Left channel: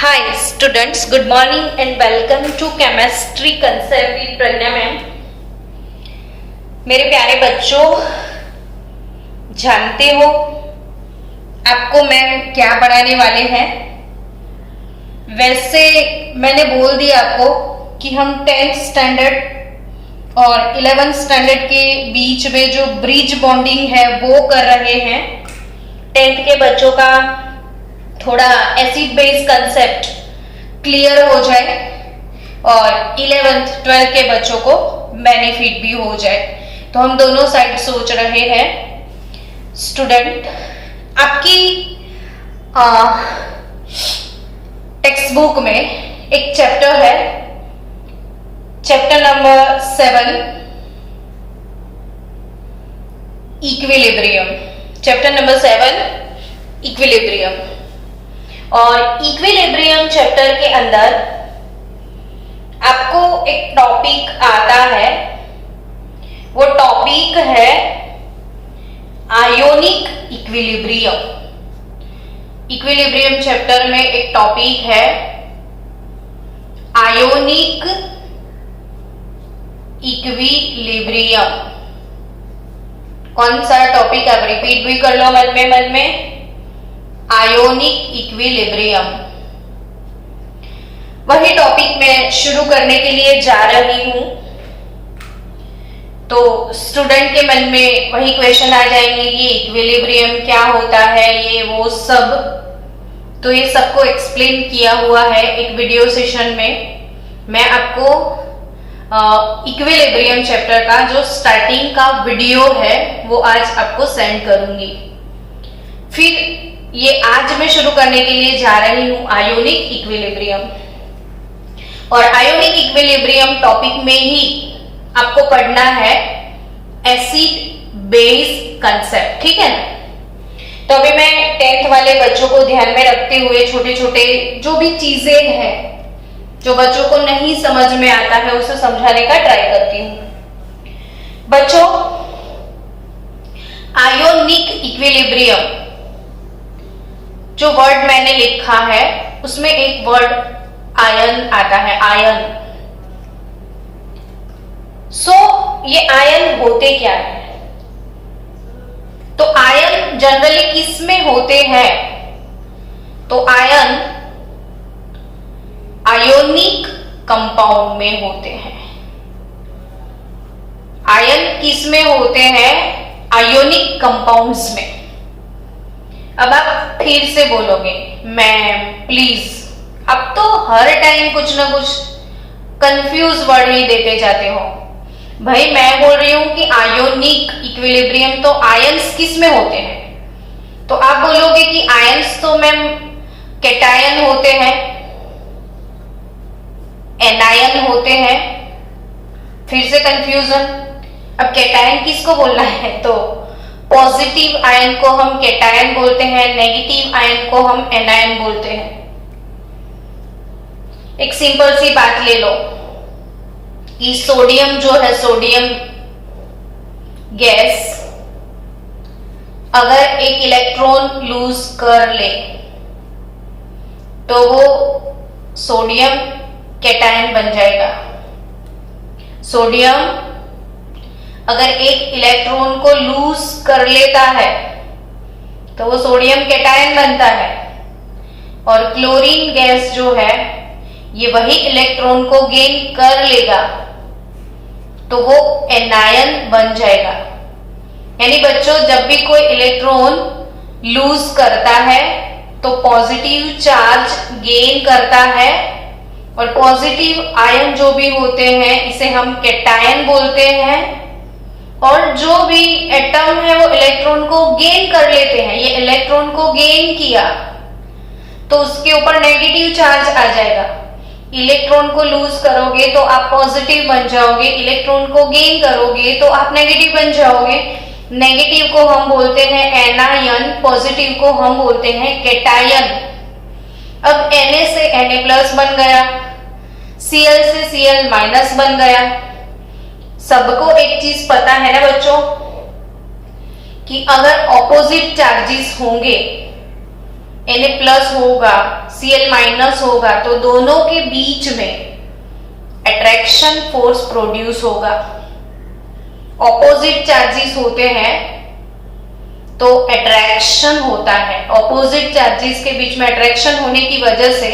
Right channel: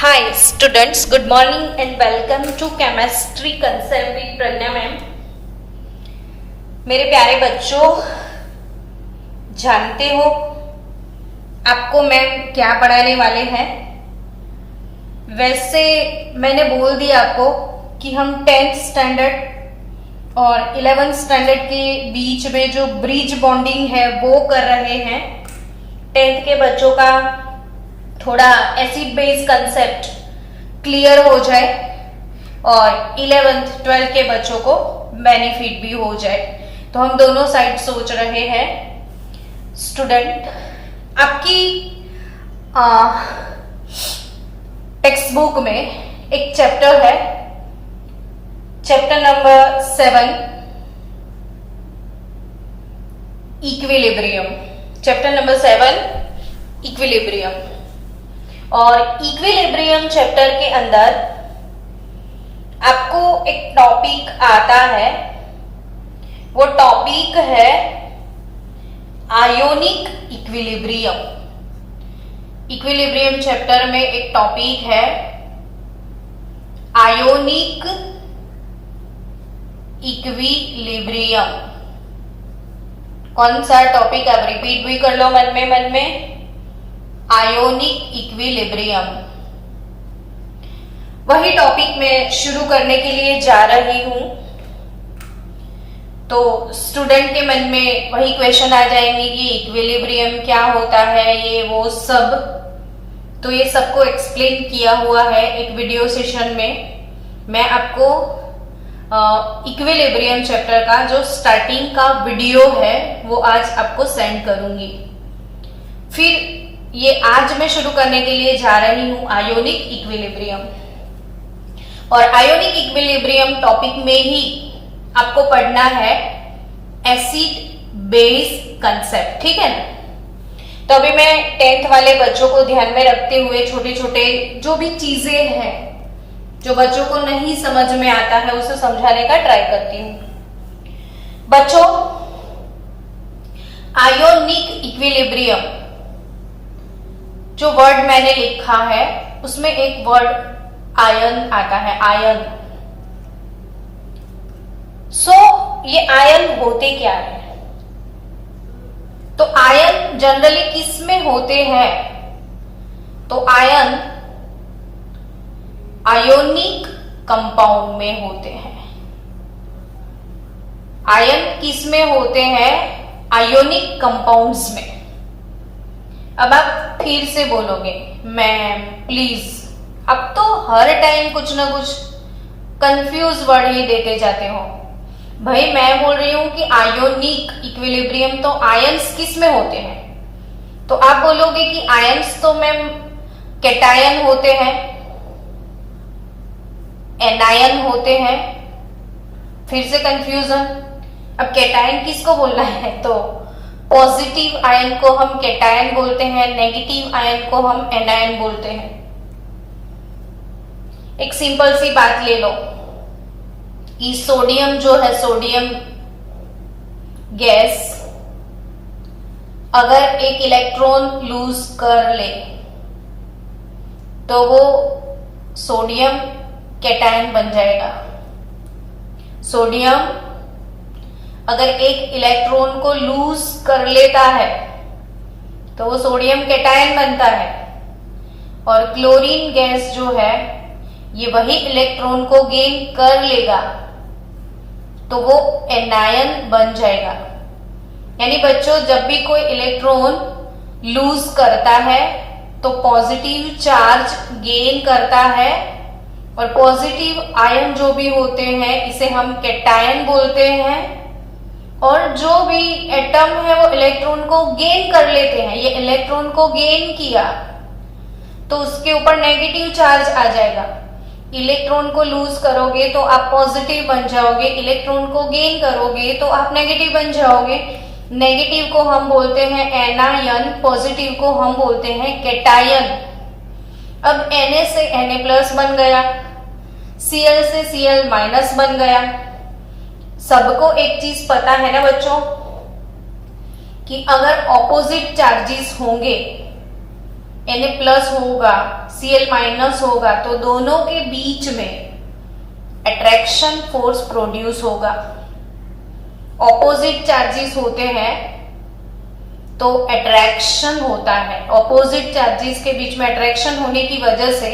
Hi students, good morning and welcome to Chemistry Concept with Pragya ma'am. मेरे प्यारे बच्चों, जानते हो आपको मैम क्या पढ़ाने वाले हैं? वैसे मैंने बोल दिया आपको कि हम 10th स्टैंडर्ड और 11th स्टैंडर्ड के बीच में जो ब्रिज बॉन्डिंग है वो कर रहे हैं। 10th के बच्चों का थोड़ा एसिड बेस कंसेप्ट क्लियर हो जाए और 11th 12th के बच्चों को बेनिफिट भी हो जाए, तो हम दोनों साइड सोच रहे हैं। स्टूडेंट, आपकी टेक्स्ट बुक में एक चैप्टर है, chapter number 7 equilibrium. Chapter number 7 equilibrium. और इक्विलिब्रियम चैप्टर के अंदर आपको एक टॉपिक आता है, वो टॉपिक है आयोनिक इक्विलिब्रियम। इक्विलिब्रियम चैप्टर में एक टॉपिक है आयोनिक इक्विलिब्रियम। कौन सा टॉपिक? आप रिपीट भी कर लो मन में आयोनिक इक्विलिब्रियम। वही टॉपिक मैं शुरू करने के लिए जा रही हूं, तो स्टूडेंट के मन में वही क्वेश्चन आ जाएंगे कि इक्विलिब्रियम क्या होता है, ये वो सब। तो ये सबको एक्सप्लेन किया हुआ है एक वीडियो सेशन में। मैं आपको इक्विलिब्रियम चैप्टर का जो स्टार्टिंग का वीडियो है वो आज आपको सेंड करूंगी। फिर ये आज मैं शुरू करने के लिए जा रही हूं आयोनिक इक्विलिब्रियम। और आयोनिक इक्विलिब्रियम टॉपिक में ही आपको पढ़ना है एसिड बेस कंसेप्ट, ठीक है ना? तो अभी मैं 10th वाले बच्चों को ध्यान में रखते हुए छोटे छोटे जो भी चीजें हैं जो बच्चों को नहीं समझ में आता है उसे समझाने का ट्राई करती हूं। बच्चों, आयोनिक इक्विलिब्रियम जो वर्ड मैंने लिखा है उसमें एक वर्ड आयन आता है, आयन। ये आयन होते क्या है? तो आयन जनरली किस में होते हैं? तो आयन आयोनिक कंपाउंड में होते हैं। आयन किस में होते हैं? आयोनिक कंपाउंड्स में। अब आप फिर से बोलोगे मैम प्लीज, अब तो हर टाइम कुछ ना कुछ कंफ्यूज वर्ड ही देते जाते हो। भाई मैं बोल रही हूं कि आयोनिक इक्विलिब्रियम, तो आयंस किस में होते हैं? तो आप बोलोगे कि आयंस तो मैम कैटायन होते हैं, एनायन होते हैं। फिर से कंफ्यूजन। अब कैटायन किसको बोलना है? तो पॉजिटिव आयन को हम कैटायन बोलते हैं, नेगेटिव आयन को हम एनायन बोलते हैं। एक सिंपल सी बात ले लो कि सोडियम जो है, सोडियम गैस अगर एक इलेक्ट्रॉन लूज कर ले तो वो सोडियम कैटायन बन जाएगा। सोडियम अगर एक इलेक्ट्रॉन को लूज कर लेता है तो वो सोडियम कैटायन बनता है। और क्लोरीन गैस जो है ये वही इलेक्ट्रॉन को गेन कर लेगा तो वो एनायन बन जाएगा। यानी बच्चों, जब भी कोई इलेक्ट्रॉन लूज करता है तो पॉजिटिव चार्ज गेन करता है, और पॉजिटिव आयन जो भी होते हैं इसे हम कैटायन बोलते हैं। और जो भी एटम है वो इलेक्ट्रॉन को गेन कर लेते हैं। ये इलेक्ट्रॉन को गेन किया तो उसके ऊपर नेगेटिव चार्ज आ जाएगा। इलेक्ट्रॉन को लूज करोगे तो आप पॉजिटिव बन जाओगे, इलेक्ट्रॉन को गेन करोगे तो आप नेगेटिव बन जाओगे। नेगेटिव को हम बोलते हैं एनायन, पॉजिटिव को हम बोलते हैं कैटायन। अब Na से Na+ बन गया, Cl से Cl- बन गया। सबको एक चीज पता है ना बच्चों कि अगर ऑपोजिट चार्जेस होंगे Na प्लस होगा, Cl माइनस होगा, तो दोनों के बीच में अट्रैक्शन फोर्स प्रोड्यूस होगा। ऑपोजिट चार्जेस होते हैं तो अट्रैक्शन होता है। ऑपोजिट चार्जेस के बीच में अट्रैक्शन होने की वजह से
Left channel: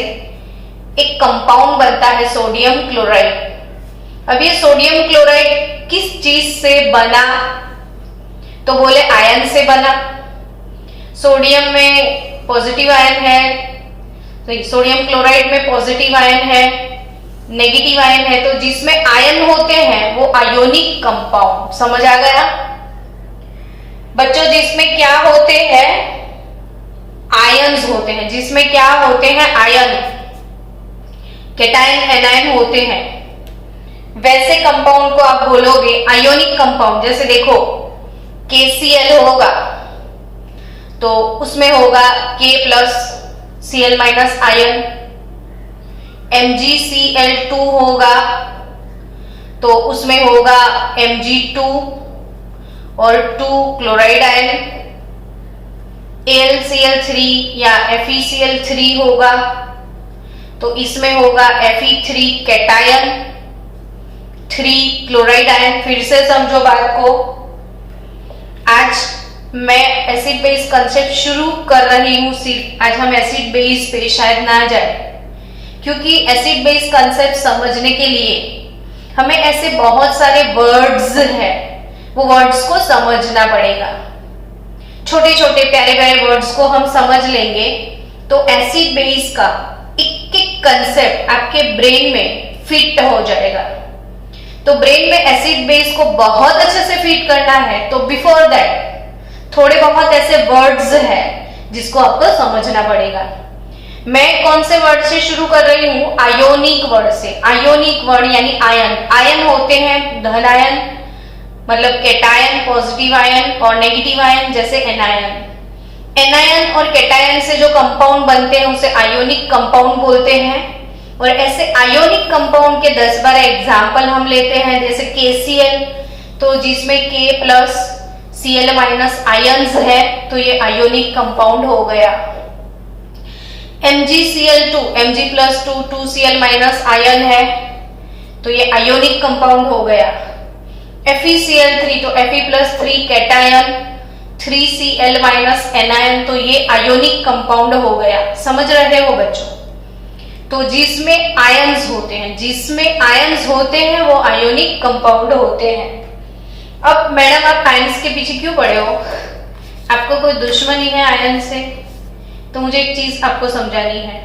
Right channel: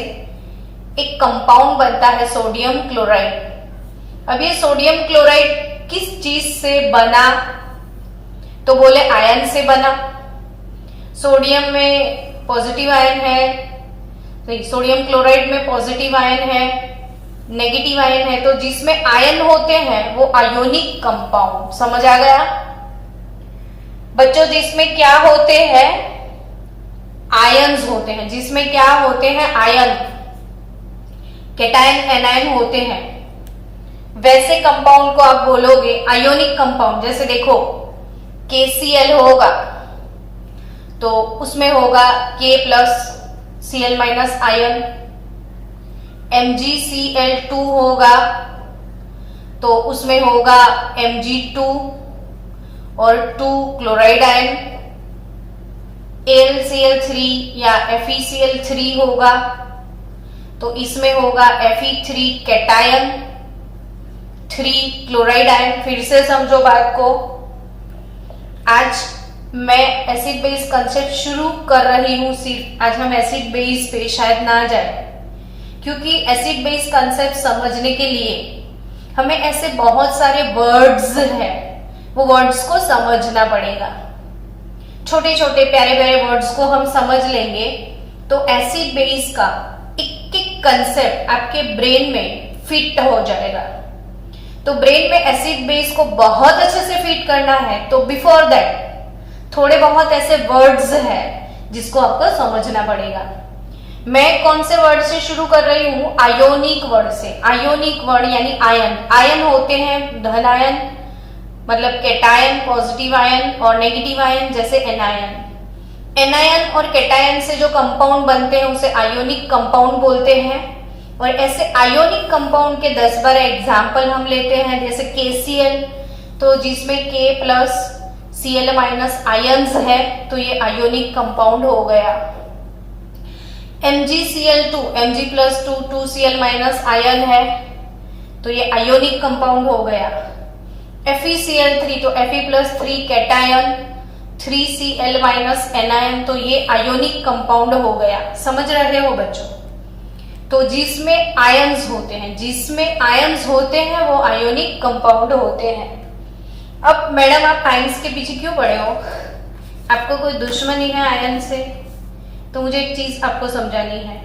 एक कंपाउंड बनता है सोडियम क्लोराइड। अब ये सोडियम क्लोराइड किस चीज से बना, तो बोले आयन से बना। सोडियम में पॉजिटिव आयन है, तो सोडियम क्लोराइड में पॉजिटिव आयन है, नेगेटिव आयन है, तो जिसमें आयन होते हैं वो आयोनिक कंपाउंड। समझ आ गया बच्चों? जिसमें क्या होते हैं, आयन्स होते हैं। जिसमें क्या होते हैं, आयन, कैटायन एनायन होते हैं। वैसे कंपाउंड को आप बोलोगे आयोनिक कंपाउंड। जैसे देखो KCl होगा तो उसमें होगा K plus Cl minus ion. MgCl2 होगा तो उसमें होगा Mg2 और 2 क्लोराइड आयन। AlCl3 या FeCl3 होगा तो इसमें होगा Fe3 कैटायन, 3 क्लोराइड आयन। फिर से समझो बात को। आज मैं एसिड बेस कंसेप्ट शुरू कर रही हूं, सिर्फ आज हम एसिड बेस पे शायद ना जाए, क्योंकि एसिड बेस कंसेप्ट समझने के लिए हमें ऐसे बहुत सारे वर्ड्स हैं, वो वर्ड्स को समझना पड़ेगा। छोटे छोटे प्यारे प्यारे वर्ड्स को हम समझ लेंगे तो एसिड बेस का एक एक कंसेप्ट आपके ब्रेन में फिट हो जाएगा। तो ब्रेन में एसिड बेस को बहुत अच्छे से फिट करना है तो बिफोर दैट थोड़े बहुत ऐसे वर्ड्स हैं जिसको आपको समझना पड़ेगा। मैं कौन से वर्ड से शुरू कर रही हूं? आयोनिक वर्ड से। आयोनिक वर्ड यानी आयन। आयन होते हैं धन आयन, मतलब कैटायन, पॉजिटिव आयन, और नेगेटिव आयन जैसे एनायन। एनायन और कैटायन से जो कंपाउंड बनते हैं उसे आयोनिक कंपाउंड बोलते हैं। और ऐसे आयोनिक कंपाउंड के 10-12 एग्जाम्पल हम लेते हैं। जैसे KCl, तो जिसमें K plus Cl minus ions है तो ये आयोनिक कंपाउंड हो गया। MgCl2, Mg plus 2 Cl minus ion है तो ये आयोनिक कंपाउंड हो गया। FeCl3 तो Fe plus 3 cation, 3 Cl minus anion, तो ये आयोनिक कंपाउंड हो गया। समझ रहे हो बच्चों? तो जिसमें आयन्स होते हैं, जिसमें आयन्स होते हैं वो आयोनिक कंपाउंड होते हैं। अब मैडम आप आयन्स के पीछे क्यों पड़े हो? आपको कोई दुश्मनी है आयन से? तो मुझे एक चीज आपको समझानी है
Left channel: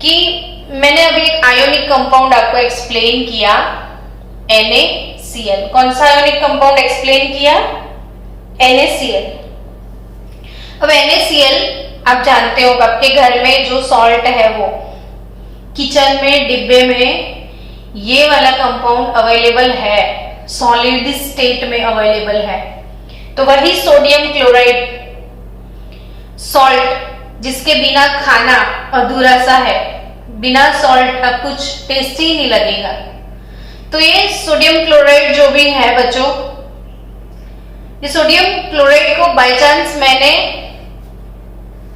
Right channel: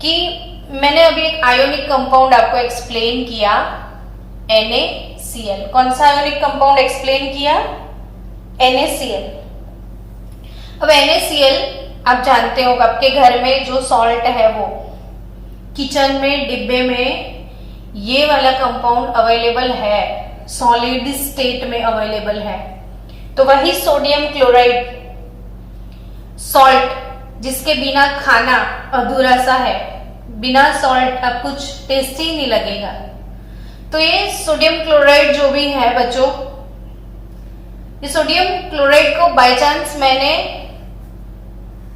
कि मैंने अभी एक आयोनिक कंपाउंड आपको एक्सप्लेन किया, NaCl। कौन सा आयोनिक कंपाउंड एक्सप्लेन किया? NaCl। अब NaCl आप जानते हो आपके घर में जो सॉल्ट है वो किचन में डिब्बे में ये वाला कंपाउंड अवेलेबल है, सॉलिड स्टेट में अवेलेबल है। तो वही सोडियम क्लोराइड सॉल्ट जिसके बिना खाना अधूरा सा है, बिना सॉल्ट का कुछ टेस्टी ही नहीं लगेगा। तो ये सोडियम क्लोराइड जो भी है बच्चों, ये सोडियम क्लोराइड को बाय चांस मैंने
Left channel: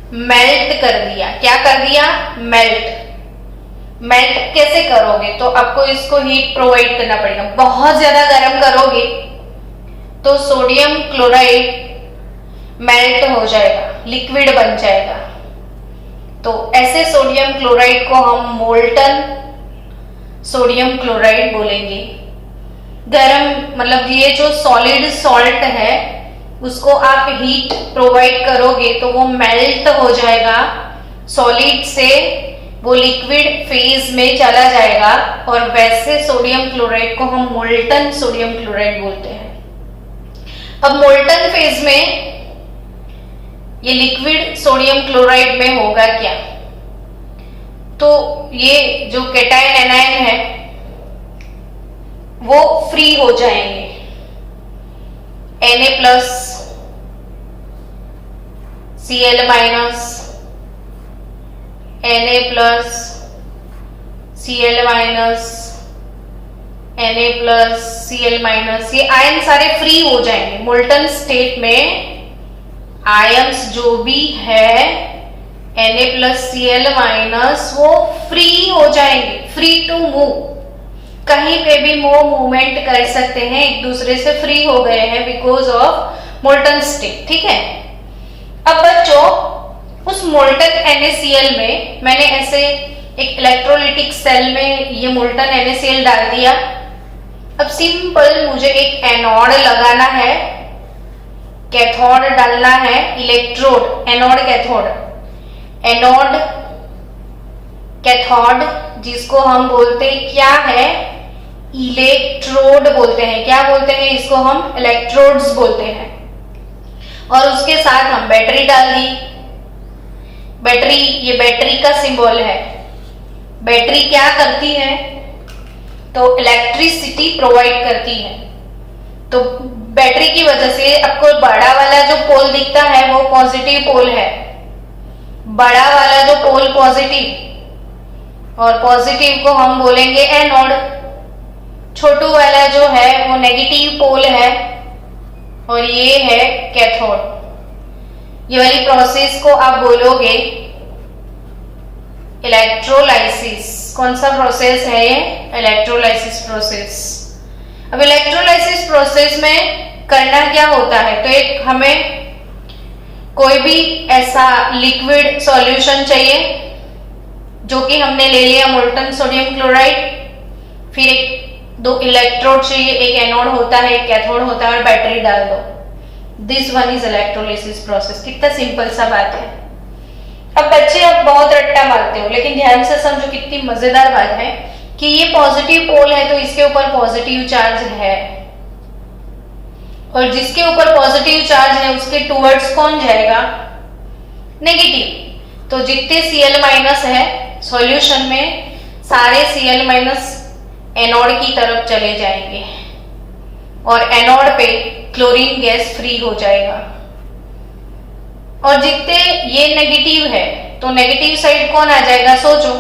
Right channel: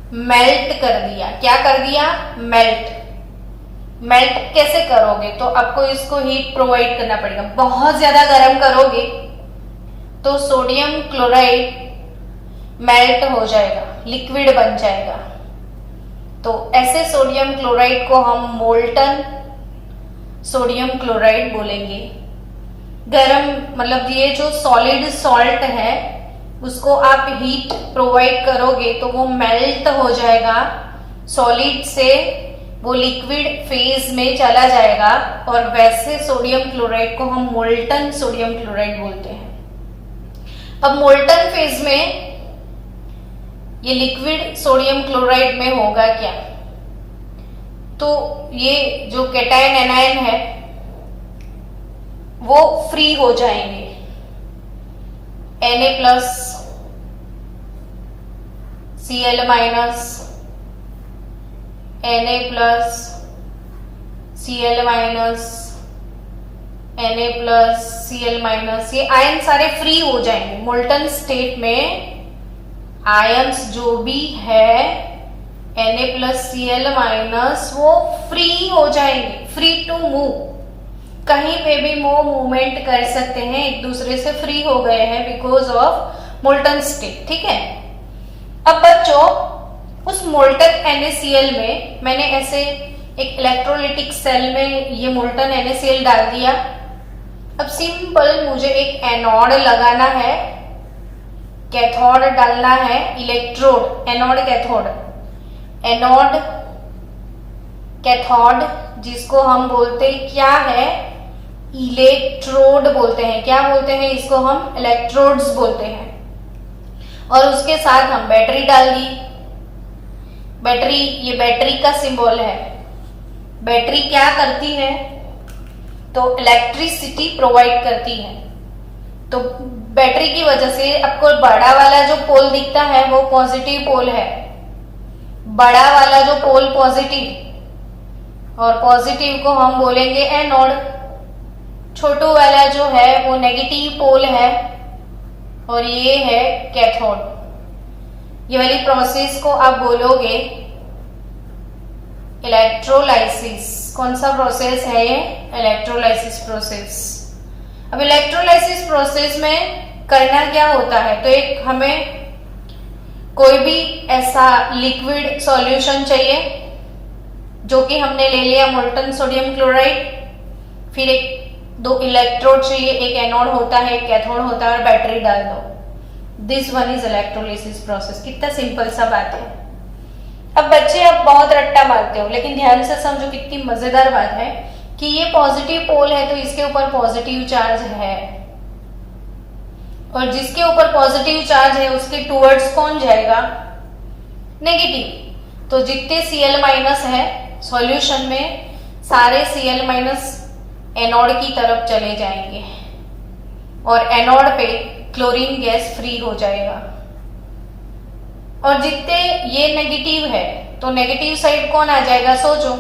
मेल्ट कर दिया। क्या कर दिया? मेल्ट। मेल्ट कैसे करोगे? तो आपको इसको हीट प्रोवाइड करना पड़ेगा। बहुत ज्यादा गर्म करोगे तो सोडियम क्लोराइड मेल्ट हो जाएगा, लिक्विड बन जाएगा। तो ऐसे सोडियम क्लोराइड को हम मोल्टन सोडियम क्लोराइड बोलेंगे। गरम मतलब ये जो सॉलिड सॉल्ट है उसको आप हीट प्रोवाइड करोगे तो वो मेल्ट हो जाएगा, सॉलिड से वो लिक्विड फेज में चला जाएगा, और वैसे सोडियम क्लोराइड को हम मोल्टन सोडियम क्लोराइड बोलते हैं। अब मोल्टन फेज में ये लिक्विड सोडियम क्लोराइड में होगा क्या? तो ये जो कैटायन एनायन है वो फ्री हो जाएंगे। Na plus Cl minus, Na plus Cl minus, Na plus Cl minus, ये आयन सारे फ्री हो जाएंगे। मोल्टन स्टेट में आयन्स जो भी है Na+Cl- वो फ्री हो जाएंगे, फ्री टू मूव, कहीं पे भी वो मूवमेंट कर सकते हैं, एक दूसरे से फ्री हो गए हैं बिकॉज ऑफ मोल्टन स्टेट। ठीक है, अब बच्चों उस मोल्टन NaCl में मैंने ऐसे एक इलेक्ट्रोलिटिक सेल में ये मोल्टन NaCl डाल दिया। अब सिंपल मुझे एक एनोड लगाना है, कैथोड डालना है, electrode, anode cathode, anode cathode जिसको हम बोलते हैं क्या है, इलेक्ट्रोड बोलते हैं। क्या बोलते हैं इसको हम? इलेक्ट्रोड्स बोलते हैं। और उसके साथ हम बैटरी डाल दी। बैटरी, ये बैटरी का सिंबल है। बैटरी क्या करती है? तो इलेक्ट्रिसिटी प्रोवाइड करती है। तो बैटरी की वजह से आपको बड़ा वाला जो पोल दिखता है वो पॉजिटिव पोल है, बड़ा वाला जो पोल पॉजिटिव, और पॉजिटिव को हम बोलेंगे एनोड, छोटू वाला जो है वो नेगेटिव पोल है, और ये है कैथोड। ये वाली प्रोसेस को आप बोलोगे इलेक्ट्रोलाइसिस। कौन सा प्रोसेस है ये? Electrolysis process. अब इलेक्ट्रोलाइसिस प्रोसेस में करना क्या होता है? तो एक हमें कोई भी ऐसा लिक्विड सॉल्यूशन चाहिए, जो कि हमने ले लिया मोल्टन सोडियम क्लोराइड, फिर एक दो इलेक्ट्रोड चाहिए, एक एनोड होता है, एक कैथोड होता है, और बैटरी डाल दो। This one is electrolysis process. कितना सिंपल सा बात है। अब बच्चे अब बहुत रट्टा मारते हो, लेकिन ध्यान से समझो कितनी मजेदार बात है कि ये पॉजिटिव पोल है तो इसके ऊपर पॉजिटिव चार्ज है, और जिसके ऊपर पॉजिटिव चार्ज है उसके टुवर्ड्स कौन जाएगा? नेगेटिव। तो जितने Cl- है सॉल्यूशन में, सारे Cl- एनोड की तरफ चले जाएंगे, और एनोड पे क्लोरीन गैस फ्री हो जाएगा। और जितने ये नेगेटिव है तो नेगेटिव साइड कौन आ जाएगा? सोचो,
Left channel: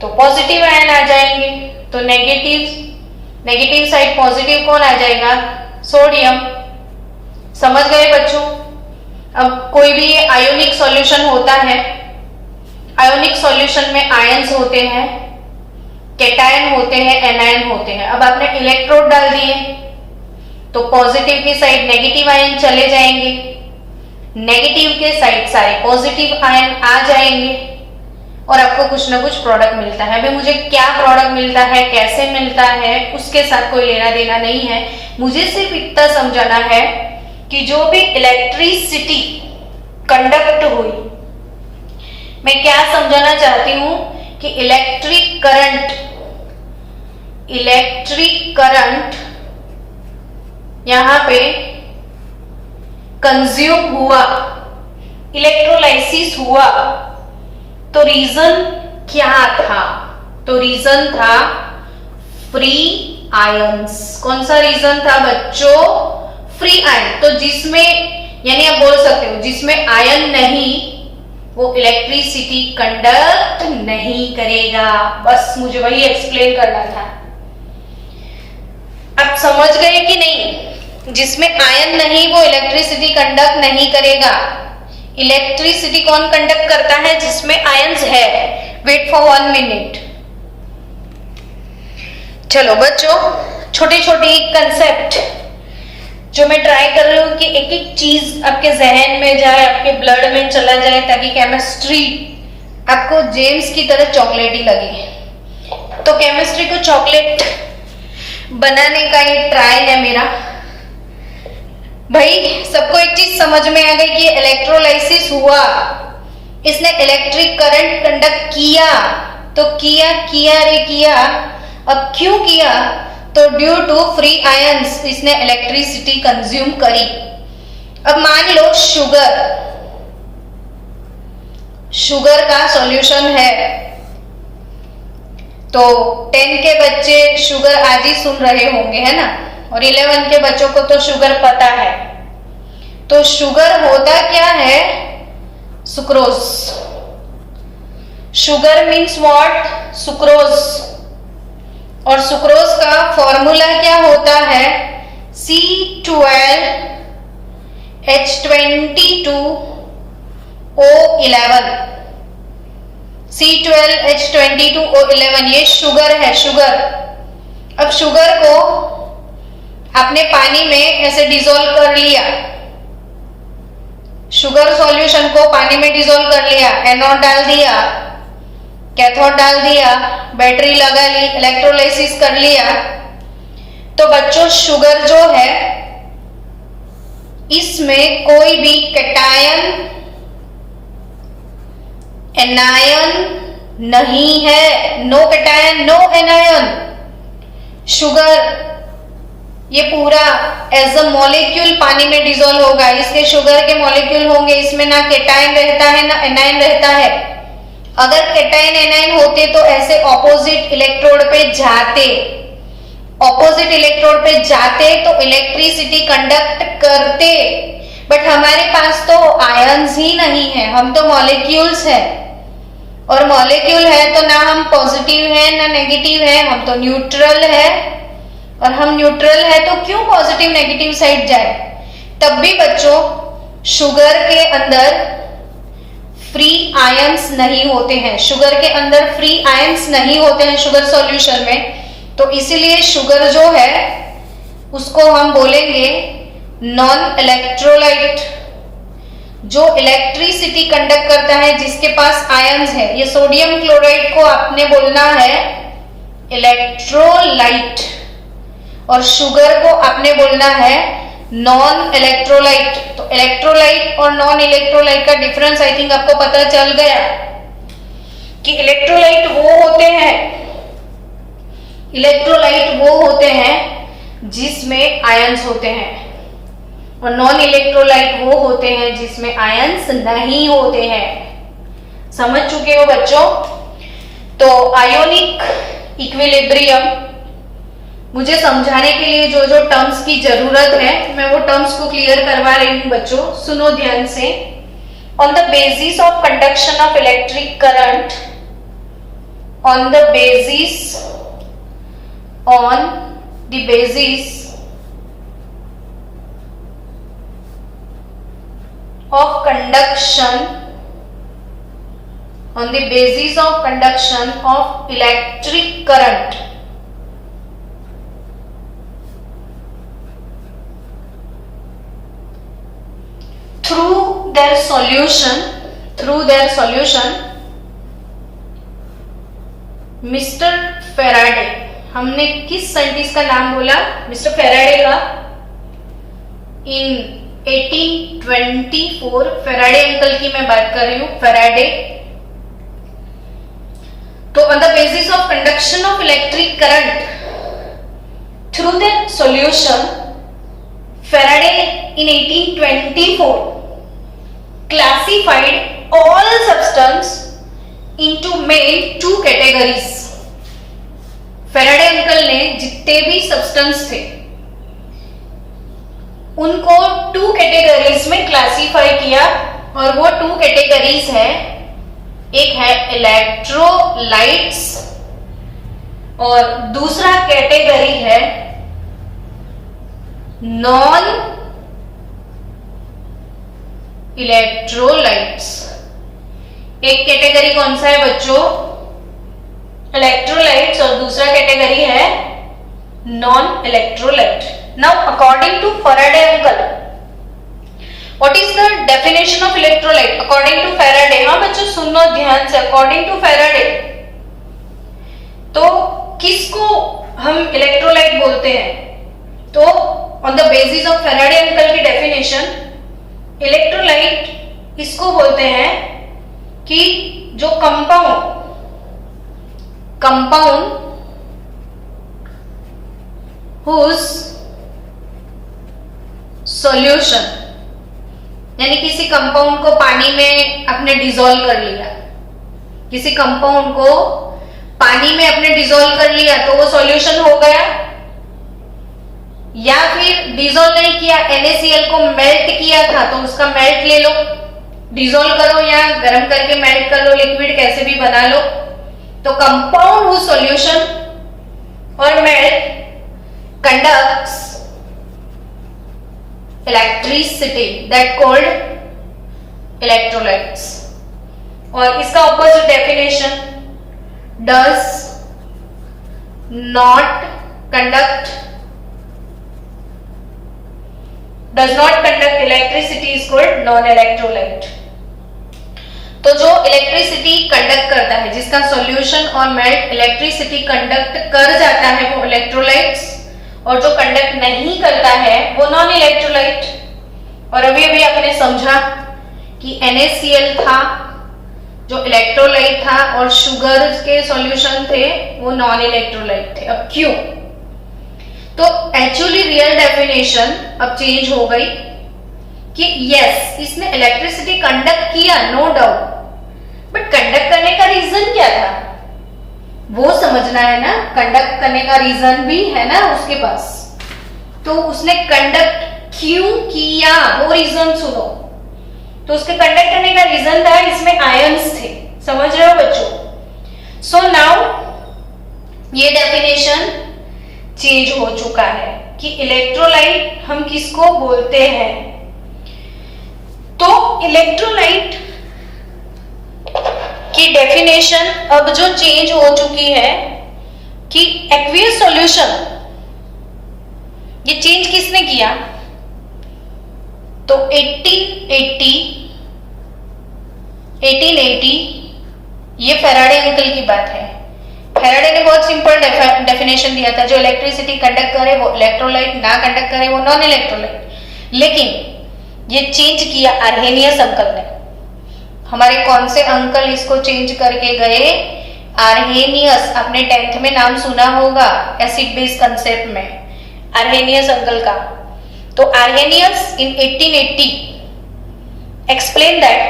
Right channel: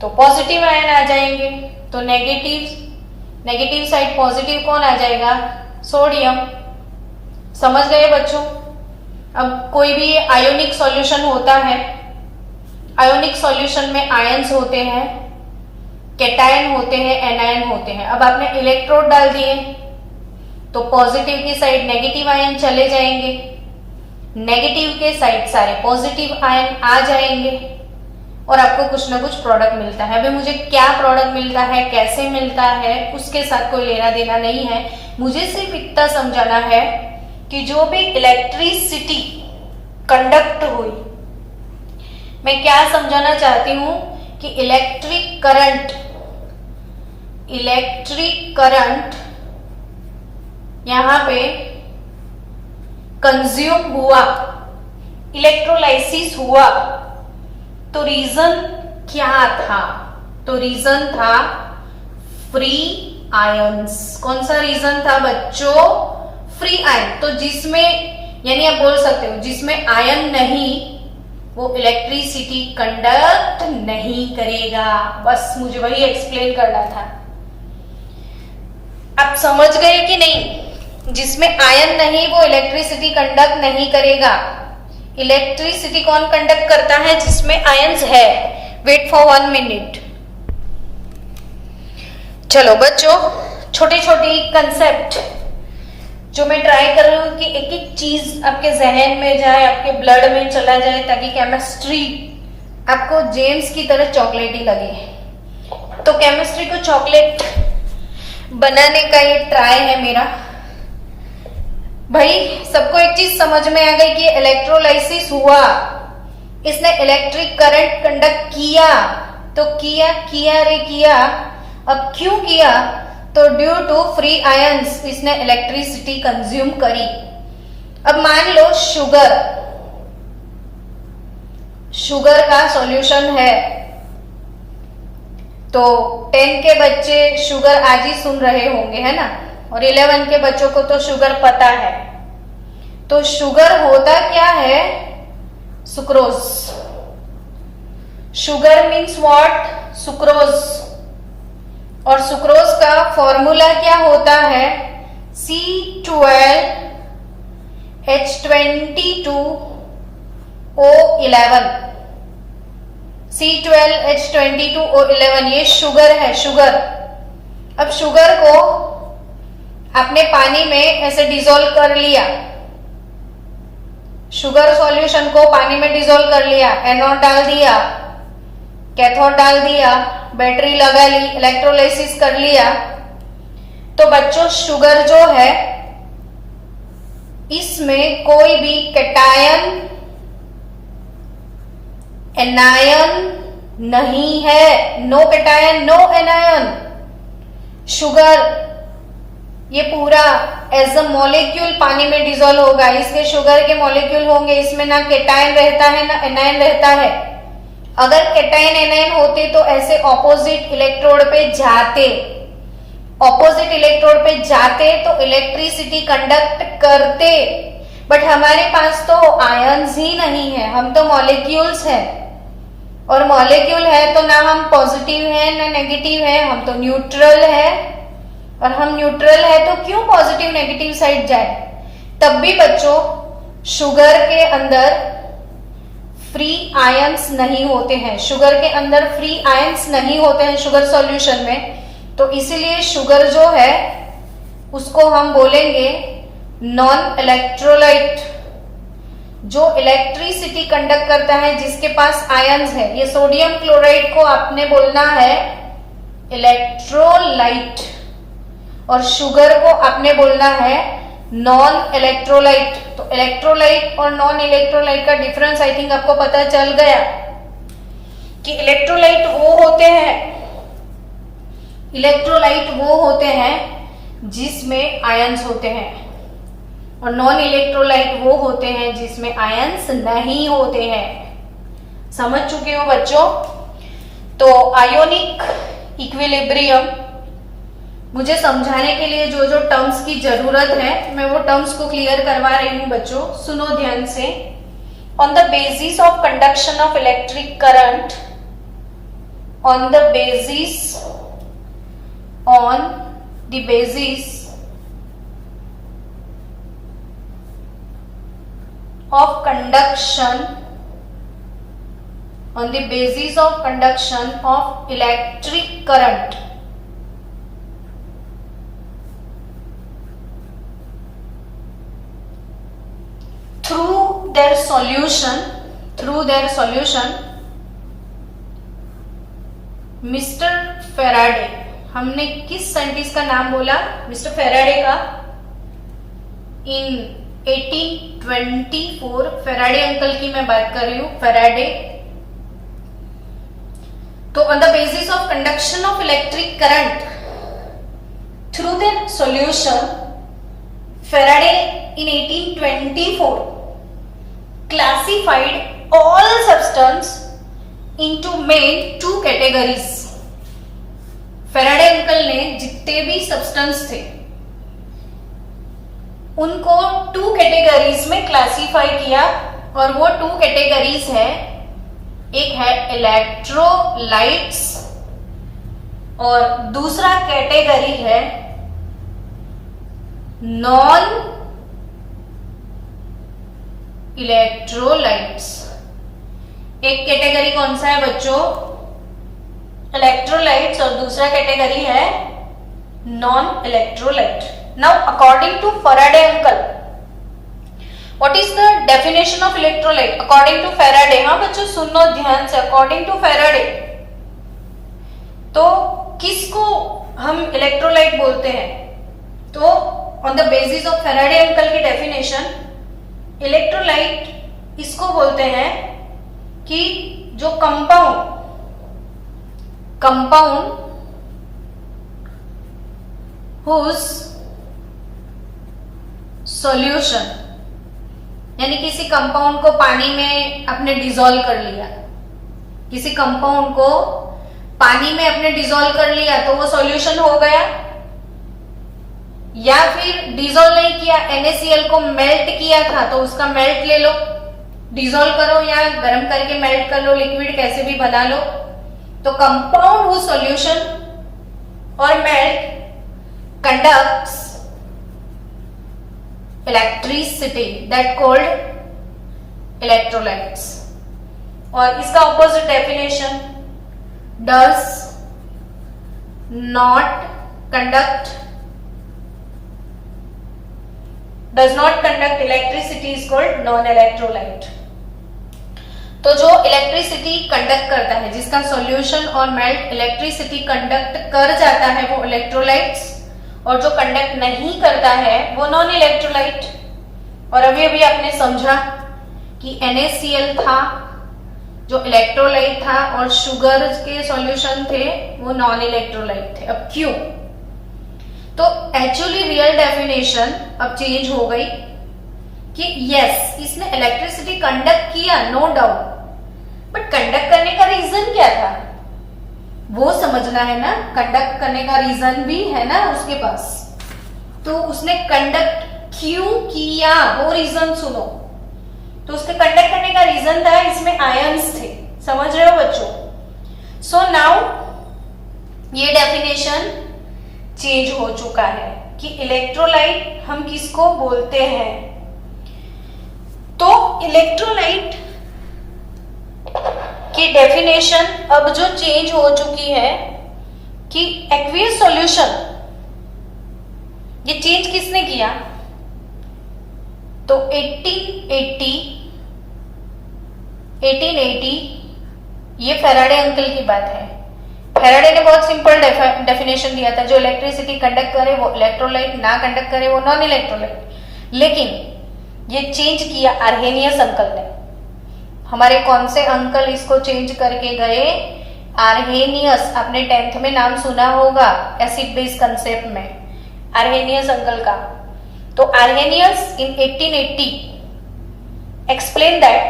तो पॉजिटिव आयन आ जाएंगे। तो नेगेटिव साइड पॉजिटिव कौन आ जाएगा? सोडियम। समझ गए बच्चों? अब कोई भी आयोनिक सॉल्यूशन होता है, आयोनिक सॉल्यूशन में आयंस होते हैं, कैटायन होते हैं, एनायन होते हैं। अब आपने इलेक्ट्रोड डाल दिए तो पॉजिटिव की साइड नेगेटिव आयन चले जाएंगे, नेगेटिव के साइड सारे पॉजिटिव आयन आ जाएंगे, और आपको कुछ ना कुछ प्रोडक्ट मिलता है। अभी मुझे क्या प्रोडक्ट मिलता है, कैसे मिलता है, उसके साथ कोई लेना देना नहीं है। मुझे सिर्फ इतना समझाना है कि जो भी इलेक्ट्रिसिटी कंडक्ट हुई, मैं क्या समझाना चाहती हूं कि इलेक्ट्रिक करंट यहां पे कंज्यूम हुआ, इलेक्ट्रोलाइसिस हुआ, तो रीजन क्या था? तो रीजन था फ्री आयंस। कौन सा रीजन था बच्चों? Free ion. तो जिसमें, यानी आप बोल सकते हो जिसमें आयन नहीं वो इलेक्ट्रिसिटी कंडक्ट नहीं करेगा। बस मुझे वही एक्सप्लेन करना था। आप समझ गए कि नहीं? जिसमें आयन नहीं वो इलेक्ट्रिसिटी कंडक्ट नहीं करेगा। इलेक्ट्रिसिटी कौन कंडक्ट करता है? जिसमें आयंस है। Wait for 1 minute. चलो बच्चों, छोटी छोटी कंसेप्ट जो मैं ट्राई कर रही हूँ कि एक एक चीज आपके जहन में जाए, आपके ब्लड में चला जाए, ताकि केमिस्ट्री आपको जेम्स की तरह चॉकलेटी लगे। तो केमिस्ट्री को चॉकलेट बनाने का ये ट्राई है मेरा। भाई सबको एक चीज समझ में आ गई कि इलेक्ट्रोलाइसिस हुआ, इसने इलेक्ट्रिक करंट कंडक्ट किया। तो किया। अब क्यों किया? तो ड्यू टू फ्री आयंस इसने इलेक्ट्रिसिटी कंज्यूम करी। अब मान लो शुगर का सॉल्यूशन है, तो 10 के बच्चे शुगर आज ही सुन रहे होंगे, है ना, और 11 के बच्चों को तो शुगर पता है। तो शुगर होता क्या है? Sucrose. Sugar means what? Sucrose. और सुक्रोज का फॉर्मूला क्या होता है? C12H22 O11, C12H22O11, ये शुगर है, शुगर। अब शुगर को आपने पानी में ऐसे डिसॉल्व कर लिया, शुगर सॉल्यूशन को पानी में डिसॉल्व कर लिया, एनोड डाल दिया, कैथोड डाल दिया, बैटरी लगा ली, इलेक्ट्रोलाइसिस कर लिया। तो बच्चों शुगर जो है इसमें कोई भी कैटायन एनायन नहीं है, no cation no anion. Sugar ये पूरा एज अ मॉलिक्यूल पानी में डिसॉल्व होगा, इसके शुगर के मॉलिक्यूल होंगे, इसमें ना कैटायन रहता है ना एनायन रहता है। अगर कैटायन एनायन होते तो ऐसे ऑपोजिट इलेक्ट्रोड पे जाते, ऑपोजिट इलेक्ट्रोड पे जाते तो इलेक्ट्रिसिटी कंडक्ट करते, बट हमारे पास तो आयंस ही नहीं है, हम तो मॉलिक्यूल्स हैं। और मॉलिक्यूल है तो ना हम पॉजिटिव है ना नेगेटिव है, हम तो न्यूट्रल है। और हम न्यूट्रल है तो क्यों पॉजिटिव नेगेटिव साइड जाए। तब भी बच्चों शुगर के अंदर फ्री आयंस नहीं होते हैं, शुगर के अंदर फ्री आयंस नहीं होते हैं शुगर सॉल्यूशन में। तो इसीलिए शुगर जो है उसको हम बोलेंगे नॉन इलेक्ट्रोलाइट, जो इलेक्ट्रिसिटी कंडक्ट करता है, जिसके पास आयंस है। ये सोडियम क्लोराइड को आपने बोलना है इलेक्ट्रोलाइट और शुगर को आपने बोलना है नॉन इलेक्ट्रोलाइट। तो इलेक्ट्रोलाइट और नॉन इलेक्ट्रोलाइट का डिफरेंस आई थिंक आपको पता चल गया कि इलेक्ट्रोलाइट वो होते हैं, इलेक्ट्रोलाइट वो होते हैं जिसमें आयंस होते हैं और नॉन इलेक्ट्रोलाइट वो होते हैं जिसमें आयंस नहीं होते हैं। समझ चुके हो बच्चों। तो आयोनिक इक्विलिब्रियम मुझे समझाने के लिए जो जो टर्म्स की जरूरत है मैं वो टर्म्स को क्लियर करवा रही हूं बच्चों, सुनो ध्यान से। On the basis of conduction of electric current, on the basis of conduction, on the basis of conduction of electric current, through their solution mister Faraday, हमने किस साइंटिस्ट का नाम बोला, मिस्टर फेराडे का। इन 1824 फेराडे अंकल की मैं बात कर रही हूं, फेराडे। तो on the basis of conduction of electric current through the solution, Faraday in 1824 classified all substance into main two categories. Faraday uncle ने जितने भी सब्सटेंस थे उनको टू कैटेगरीज में क्लासिफाई किया और वो टू कैटेगरीज है, एक है इलेक्ट्रोलाइट्स और दूसरा कैटेगरी है नॉन इलेक्ट्रोलाइट्स। एक कैटेगरी कौन सा है बच्चों, इलेक्ट्रोलाइट्स, और दूसरा कैटेगरी है non electrolyte. Now according to Faraday uncle, what is the definition of electrolyte? According to Faraday, हाँ बच्चों सुनो ध्यान से, according to Faraday, तो किसको हम इलेक्ट्रोलाइट बोलते हैं? तो on the basis of Faraday uncle की definition, इलेक्ट्रोलाइट इसको बोलते हैं कि जो कंपाउंड whose सॉल्यूशन, यानी किसी कंपाउंड को पानी में आपने डिसॉल्व कर लिया, किसी कंपाउंड को पानी में आपने डिसॉल्व कर लिया तो वो सॉल्यूशन हो गया। या फिर डिसॉल्व नहीं किया, NaCl को मेल्ट किया था तो उसका मेल्ट ले लो, डिसॉल्व करो या गर्म करके मेल्ट कर लो, लिक्विड कैसे भी बना लो। तो कंपाउंड हुज सॉल्यूशन और melt conducts electricity, that called electrolytes. और इसका opposite definition, does not conduct electricity is called non electrolyte. तो जो इलेक्ट्रिसिटी कंडक्ट करता है, जिसका सॉल्यूशन और मेल्ट इलेक्ट्रिसिटी कंडक्ट कर जाता है, वो इलेक्ट्रोलाइट्स, और जो कंडक्ट नहीं करता है वो नॉन इलेक्ट्रोलाइट। और अभी अभी आपने समझा कि NaCl था जो इलेक्ट्रोलाइट था और शुगर के सॉल्यूशन थे वो नॉन इलेक्ट्रोलाइट थे। अब क्यों? तो एक्चुअली रियल डेफिनेशन अब चेंज हो गई कि यस, इसने इलेक्ट्रिसिटी कंडक्ट किया, नो डाउट, बट कंडक्ट करने का रीजन क्या था वो समझना है ना। कंडक्ट करने का रीजन भी है ना उसके पास, तो उसने कंडक्ट क्यों किया वो रीजन सुनो। तो उसके कंडक्ट करने का रीजन था, इसमें आयंस थे। समझ रहे हो बच्चों? सो नाउ ये डेफिनेशन चेंज हो चुका है कि इलेक्ट्रोलाइट हम किसको बोलते हैं। तो इलेक्ट्रोलाइट की डेफिनेशन अब जो चेंज हो चुकी है कि एक्वियस सॉल्यूशन, ये चेंज किसने किया? तो 1880 ये फैराडे अंकल की बात है। फैराडे ने बहुत सिंपल डेफिनेशन दिया था, जो इलेक्ट्रिसिटी कंडक्ट करे वो इलेक्ट्रोलाइट, ना कंडक्ट करे वो नॉन इलेक्ट्रोलाइट। लेकिन ये चेंज किया आर्हेनियस अंकल ने। हमारे कौन से अंकल इसको चेंज करके गए? आर्हेनियस। आपने 10th में नाम सुना होगा एसिड बेस कंसेप्ट में, आर्हेनियस अंकल का। तो Arrhenius in 1880 explained that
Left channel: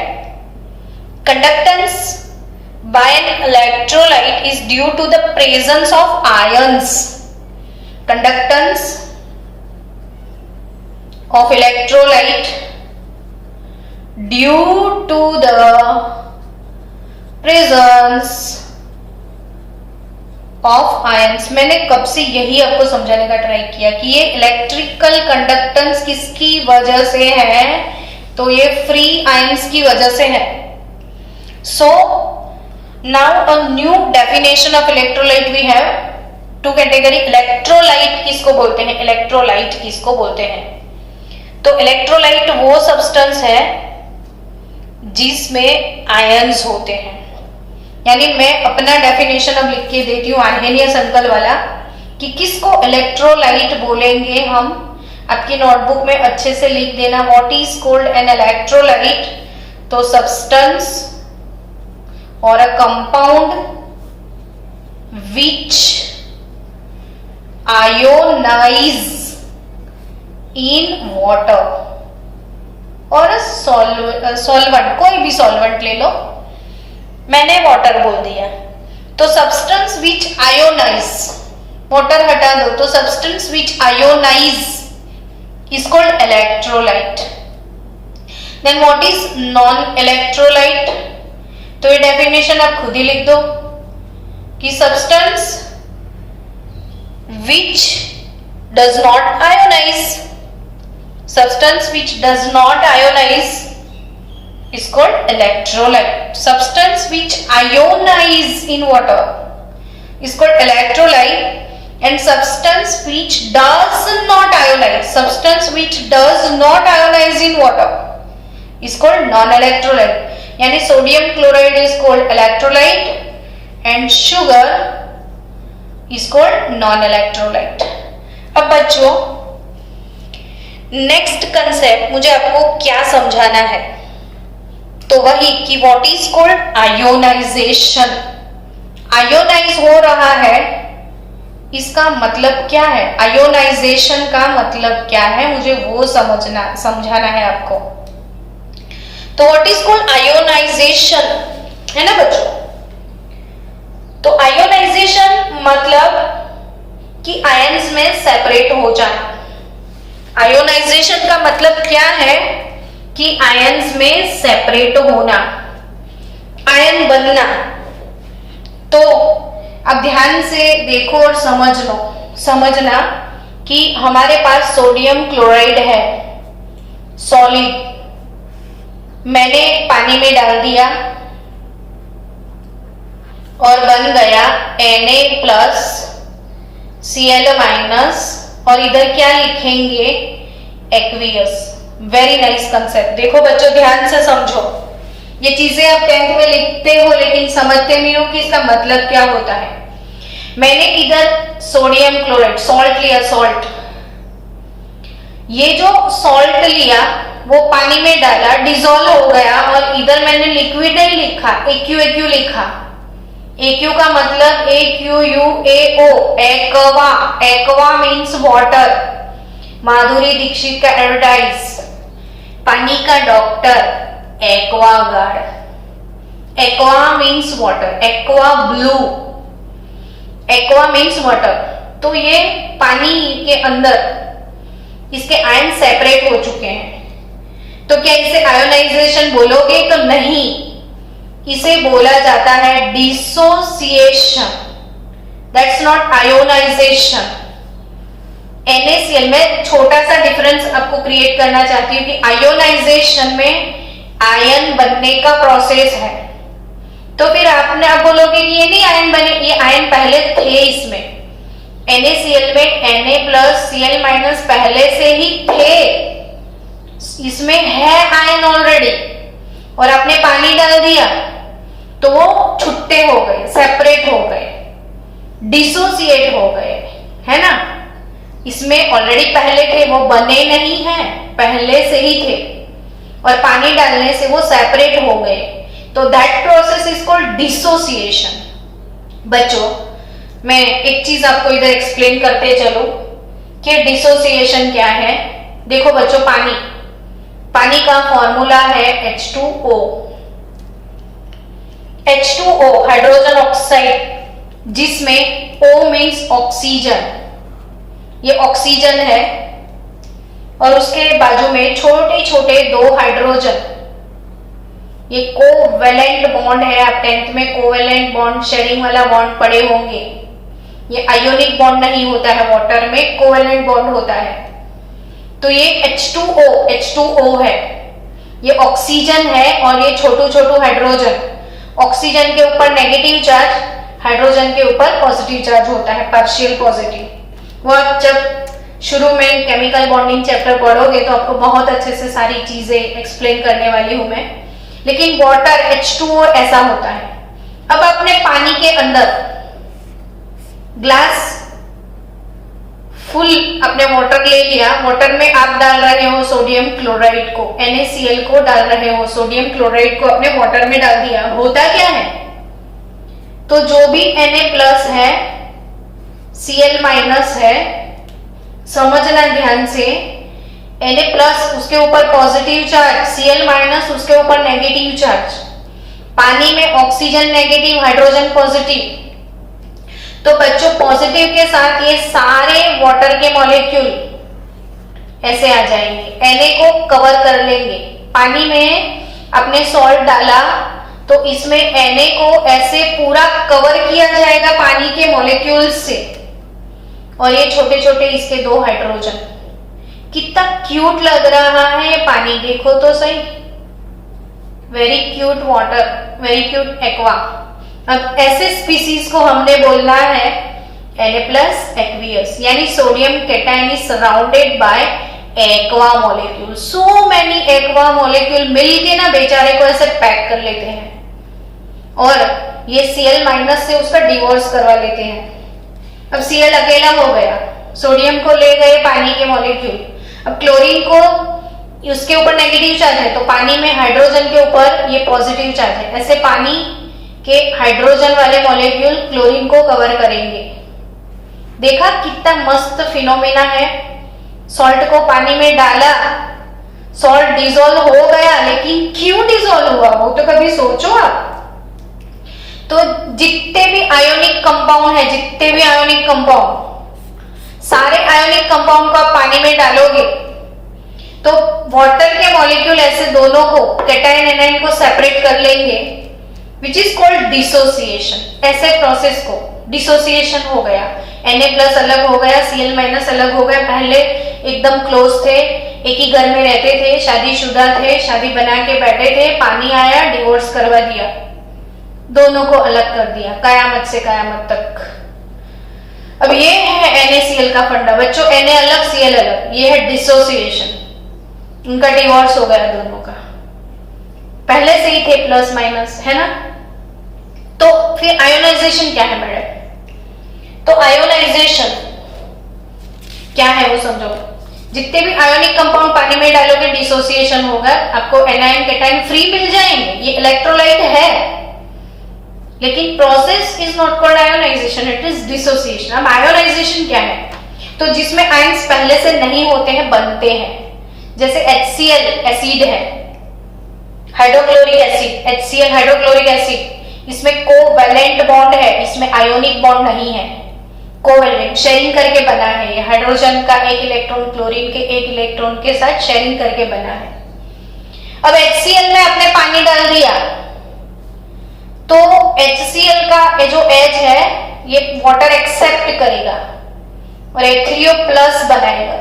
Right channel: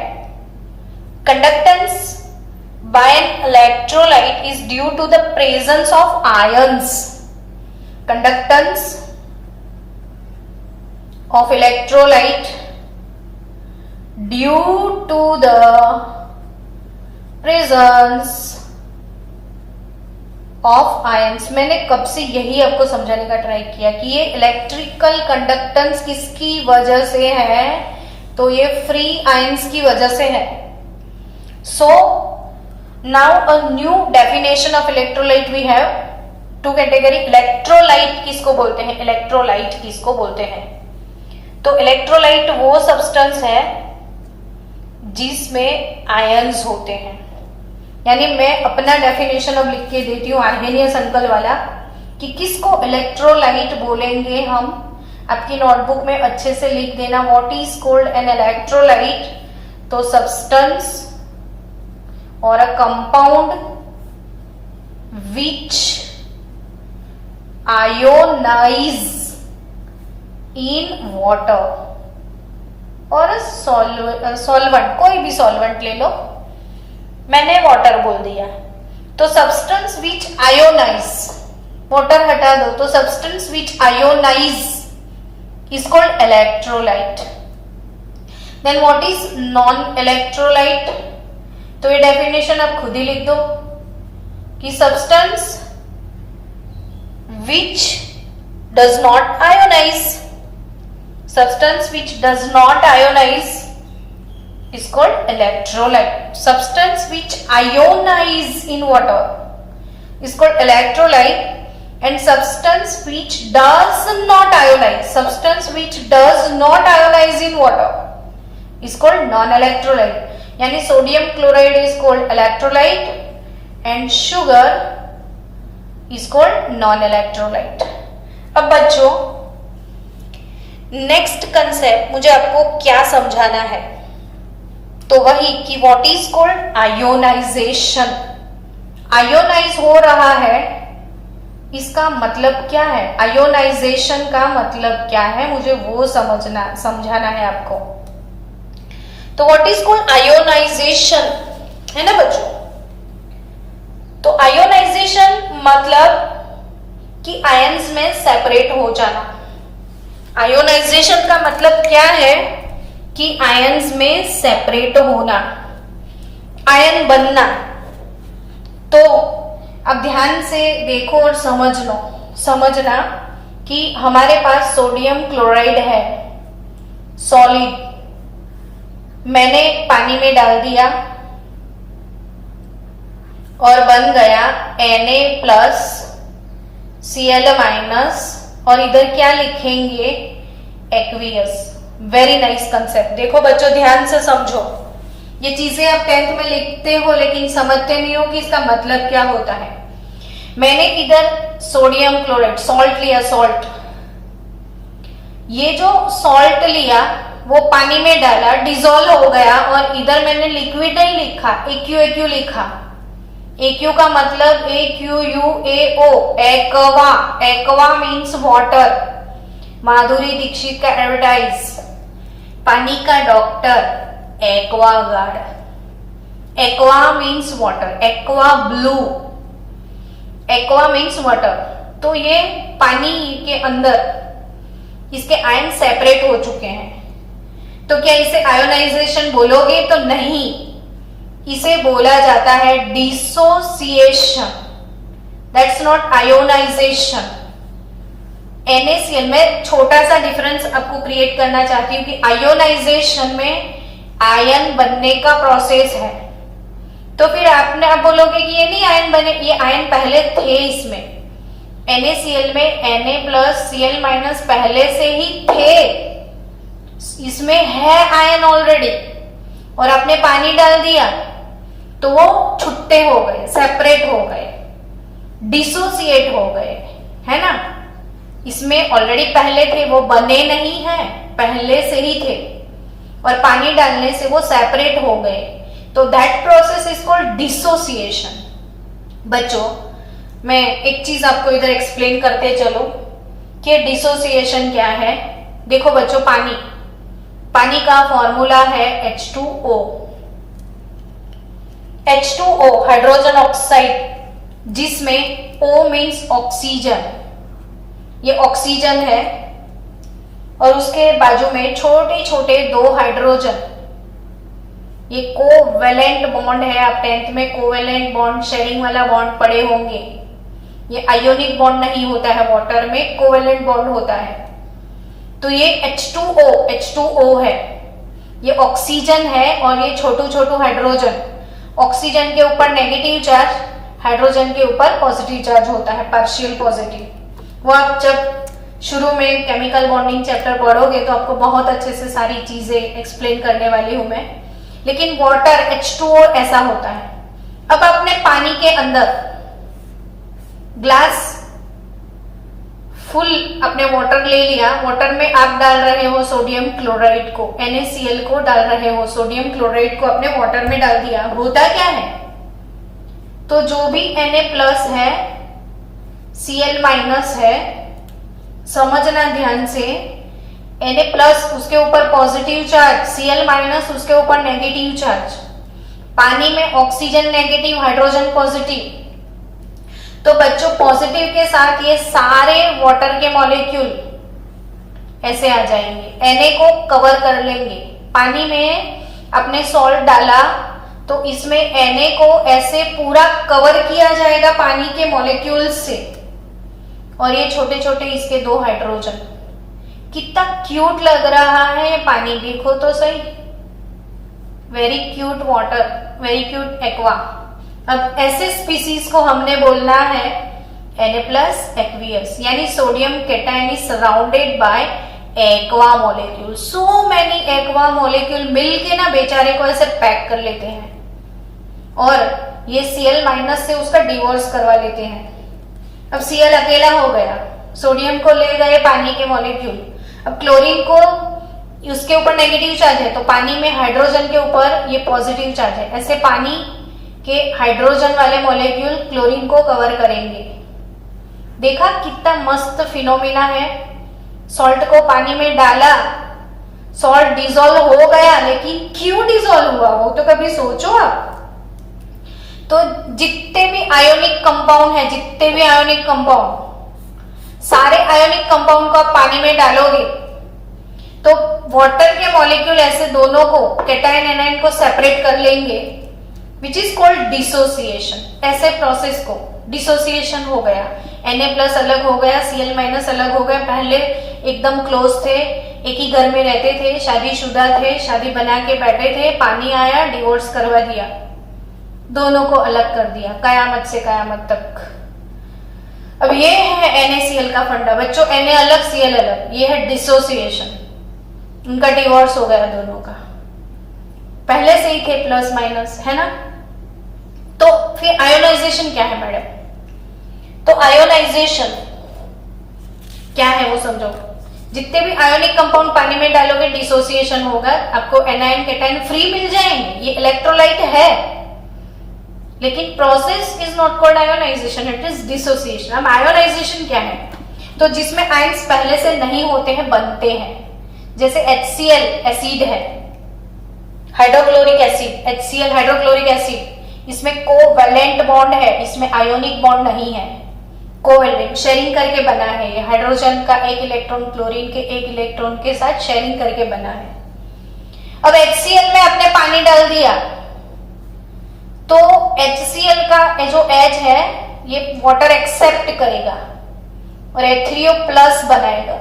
conductance by an electrolyte is due to the presence of ions. Conductance of electrolyte due to the presence of ions. मैंने कब से यही आपको समझाने का ट्राई किया कि ये इलेक्ट्रिकल कंडक्टेंस किसकी वजह से है, तो ये फ्री आयंस की वजह से है। So now a new definition of electrolyte we have two category. Electrolyte किसको बोलते हैं? इलेक्ट्रोलाइट किसको बोलते हैं? तो इलेक्ट्रोलाइट वो सब्सटेंस है जिसमें आयंस होते हैं। यानी मैं अपना डेफिनेशन अब लिख के देती हूँ आर्हेनियस अंकल वाला कि किसको इलेक्ट्रोलाइट बोलेंगे हम। आपकी नोटबुक में अच्छे से लिख देना, what is called an electrolyte. तो सब्सटेंस और a compound which ionize in water और सॉल्वेंट, कोई भी सॉल्वेंट ले लो, मैंने वाटर बोल दिया। तो सब्सटेंस विच आयोनाइज, वाटर हटा दो, तो substance which ionize is called electrolyte. Then what is non electrolyte? तो ये डेफिनेशन आप खुद ही लिख दो कि substance which does not ionize, substance which does not ionize is called electrolyte. Substance which ionize in water is called electrolyte, and substance which does not ionize, substance which does not ionize in water is called non-electrolyte. यानी sodium chloride is called electrolyte and sugar is called non-electrolyte. अब बच्चों next concept मुझे आपको क्या समझाना है, तो वही कि what is called ionization. Ionize हो रहा है, इसका मतलब क्या है? आयोनाइजेशन का मतलब क्या है, मुझे वो समझाना है आपको। तो व्हाट इज कॉल्ड आयोनाइजेशन, है ना बच्चों? तो आयोनाइजेशन मतलब कि आयंस में सेपरेट हो जाना। आयोनाइजेशन का मतलब क्या है कि आयंस में सेपरेट होना, आयन बनना। तो अब ध्यान से देखो और समझना कि हमारे पास सोडियम क्लोराइड है, सॉलिड, मैंने पानी में डाल दिया और बन गया Na+Cl- और इधर क्या लिखेंगे, एक्वियस। Very nice concept. देखो बच्चों ध्यान से समझो, ये चीजें आप 10th में लिखते हो लेकिन समझते नहीं हो कि इसका मतलब क्या होता है। मैंने इधर सोडियम क्लोराइड सॉल्ट लिया, सॉल्ट, ये जो सॉल्ट लिया वो पानी में डाला, डिसॉल्व हो गया और इधर मैंने लिक्विड नहीं लिखा, AQ लिखा। AQ का मतलब AQUAO, aqua. Aqua means water. Madhuri Dikshit का एडवर्टाइज, पानी का doctor, Aquaguard. Aqua means water, aqua blue, aqua means water. तो ये पानी के अंदर इसके आयन सेपरेट हो चुके हैं, तो क्या इसे आयोनाइजेशन बोलोगे? तो नहीं, इसे बोला जाता है dissociation. That's not ionization. NaCl में छोटा सा डिफरेंस आपको क्रिएट करना चाहती हूँ कि आयोनाइजेशन में आयन बनने का प्रोसेस है, तो फिर आप बोलोगे कि ये नहीं आयन बने, ये आयन पहले थे इसमें। NaCl में Na+Cl- पहले से ही थे, इसमें है आयन ऑलरेडी, और आपने पानी डाल दिया तो वो छुट्टे हो गए, सेपरेट हो गए, डिसोसिएट हो गए, है ना। इसमें ऑलरेडी पहले थे, वो बने नहीं हैं, पहले से ही थे, और पानी डालने से वो सेपरेट हो गए, तो that process is called dissociation. बच्चों मैं एक चीज आपको इधर एक्सप्लेन करते चलो कि डिसोसिएशन क्या है। देखो बच्चों, पानी का फॉर्मूला है H2O। H2O हाइड्रोजन ऑक्साइड, जिसमें O मीन्स ऑक्सीजन, ये ऑक्सीजन है, और उसके बाजू में छोटे छोटे 2 हाइड्रोजन, ये कोवेलेंट बॉन्ड है। आप 10th में कोवेलेंट बॉन्ड, शेयरिंग वाला बॉन्ड पढ़े होंगे। ये आयोनिक बॉन्ड नहीं होता है, वाटर में कोवेलेंट बॉन्ड होता है। तो ये H2O है, ये ऑक्सीजन है, और ये छोटू छोटू हाइड्रोजन। ऑक्सीजन के ऊपर नेगेटिव चार्ज, हाइड्रोजन के ऊपर पॉजिटिव चार्ज होता है, पार्शियल पॉजिटिव। वो आप जब शुरू में केमिकल बॉन्डिंग चैप्टर पढ़ोगे तो आपको बहुत अच्छे से सारी चीजें एक्सप्लेन करने वाली हूं मैं। लेकिन वाटर H2O ऐसा होता है। अब आपने पानी के अंदर ग्लास फुल अपने वाटर ले लिया, वाटर में आप डाल रहे हो सोडियम क्लोराइड को, NaCl को डाल रहे हो, सोडियम क्लोराइड को अपने वाटर में डाल दिया। होता क्या है, तो जो भी Na+ है, Cl- है, समझना ध्यान से, Na+ उसके ऊपर पॉजिटिव चार्ज, Cl- उसके ऊपर नेगेटिव चार्ज। पानी में ऑक्सीजन नेगेटिव, हाइड्रोजन पॉजिटिव। तो बच्चों पॉजिटिव के साथ ये सारे वाटर के मॉलिक्यूल ऐसे आ जाएंगे, Na को कवर कर लेंगे। पानी में अपने सॉल्ट डाला तो इसमें Na को ऐसे पूरा कवर किया जाएगा पानी के मॉलिक्यूल्स से, और ये छोटे छोटे इसके 2 हाइड्रोजन। कितना क्यूट लग रहा है ये पानी, देखो तो सही। Very cute water, very cute aqua. अब ऐसे स्पीसीज को हमने बोलना है Na+ एक्वियस, यानी sodium cation is surrounded by aqua molecule. So many aqua molecule मिलके ना बेचारे को ऐसे पैक कर लेते हैं, और ये Cl- से उसका डिवोर्स करवा लेते हैं। अब Cl अकेला हो गया, सोडियम को ले गए पानी के मॉलिक्यूल। अब क्लोरीन को, उसके ऊपर नेगेटिव चार्ज है, तो पानी में हाइड्रोजन के ऊपर ये पॉजिटिव चार्ज है, ऐसे पानी के हाइड्रोजन वाले मॉलिक्यूल क्लोरीन को कवर करेंगे। देखा कितना मस्त फिनोमिना है। सॉल्ट को पानी में डाला, सॉल्ट डिसॉल्व हो गया, लेकिन क्यों डिसॉल्व हुआ वो तो कभी सोचो आप। तो जितने भी आयोनिक कंपाउंड है, जितने भी आयोनिक कंपाउंड, सारे आयोनिक कंपाउंड को आप पानी में डालोगे तो वाटर के मॉलिक्यूल ऐसे दोनों को, कैटायन एनायन को सेपरेट कर लेंगे, विच इज कॉल्ड डिसोसिएशन। ऐसे प्रोसेस को डिसोसिएशन हो गया, Na+ अलग हो गया, Cl- अलग हो गया। पहले एकदम क्लोज थे, एक ही घर में रहते थे, शादीशुदा थे, शादी बना के बैठे थे, पानी आया, डिवोर्स करवा दिया, दोनों को अलग कर दिया, कयामत से कयामत तक। अब ये है NaCl का फंडा बच्चों, Na अलग Cl अलग, ये है डिसोसिएशन। उनका डिवोर्स हो गया दोनों का, पहले से ही थे प्लस माइनस, है ना। तो फिर आयोनाइजेशन क्या है मैडम? तो आयोनाइजेशन क्या है वो समझो। जितने भी आयोनिक कंपाउंड पानी में डालोगे डिसोसिएशन होगा, आपको एनायन कैटायन फ्री मिल जाएंगे, ये इलेक्ट्रोलाइट है, लेकिन process is not called ionisation, it is dissociation. अब आयोनाइजेशन क्या है? तो जिसमें आयंस पहले से नहीं होते हैं, बनते हैं, जैसे HCl एसिड है, hydrochloric acid, HCl hydrochloric acid, इसमें कोवैलेंट बॉन्ड है, इसमें आयोनिक बॉन्ड नहीं है, कोवैलेंट शेयरिंग करके बना है। ये हाइड्रोजन का एक इलेक्ट्रॉन क्लोरीन के एक इलेक्ट्रॉन के साथ शेयरिंग करके बना है। अब HCl में आपने पानी डाल दिया तो HCl का जो H है ये वाटर एक्सेप्ट करेगा और H3O+ बनाएगा